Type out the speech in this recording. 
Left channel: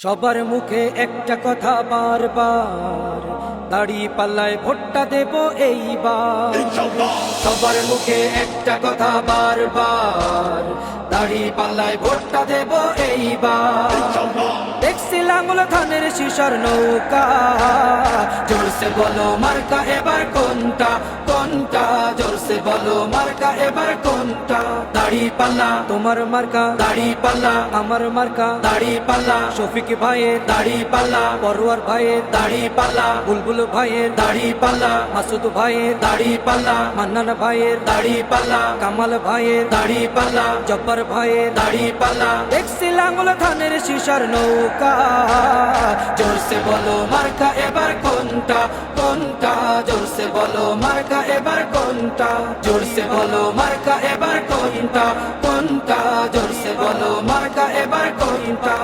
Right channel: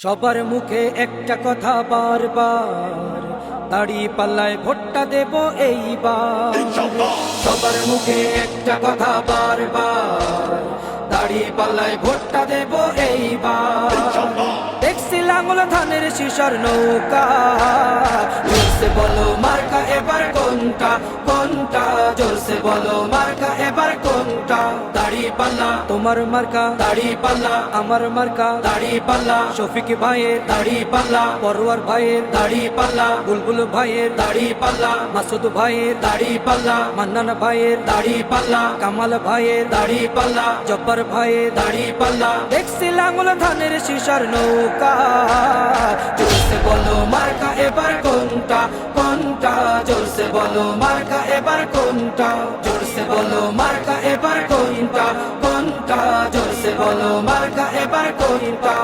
সবার মুখে একটা কথা বারবার, দাড়ি পাল্লায় ভোটটা দেব এইবার। সবার মুখে একটা কথা বারবার, দাড়ি পাল্লায় ভোটটা দেব এইবার। দেখছি লাঙ্গল ধানের শিশর নৌকা, জোরসে বলো মার্কা এবার কোনটা কোনটা, জোরসে বলো মার্কা এবার কোনটা। দাড়ি পাল্লা তোমার মার্কা, দাড়ি পাল্লা আমার মার্কা, দাড়ি পাল্লা শফিক ভাইয়ের দাড়ি পাল্লা, পরোয়ার ভাইয়ের দাড়ি পাল্লা, বুলবুল ভাইয়ের দাড়ি পাল্লা, মাসুদ ভাইয়ের দাড়ি পাল্লা, মান্নান ভাইয়ের দাড়ি পাল্লা, কামাল ভাইয়ের দাড়ি পাল্লা, জব্বার ভাইয়ের দাড়ি পাল্লা। দেখছি লাঙ্গল ধানের শিশর নৌকা, জোরসে বলো মার্কা এবার কোনটা কোনটা, জোরসে বলো মার্কা এবার কোনটা, জোরসে বলো মার্কা এবার কোনটা কোনটা, জোরসে বলো মার্কা এবার কোনটা।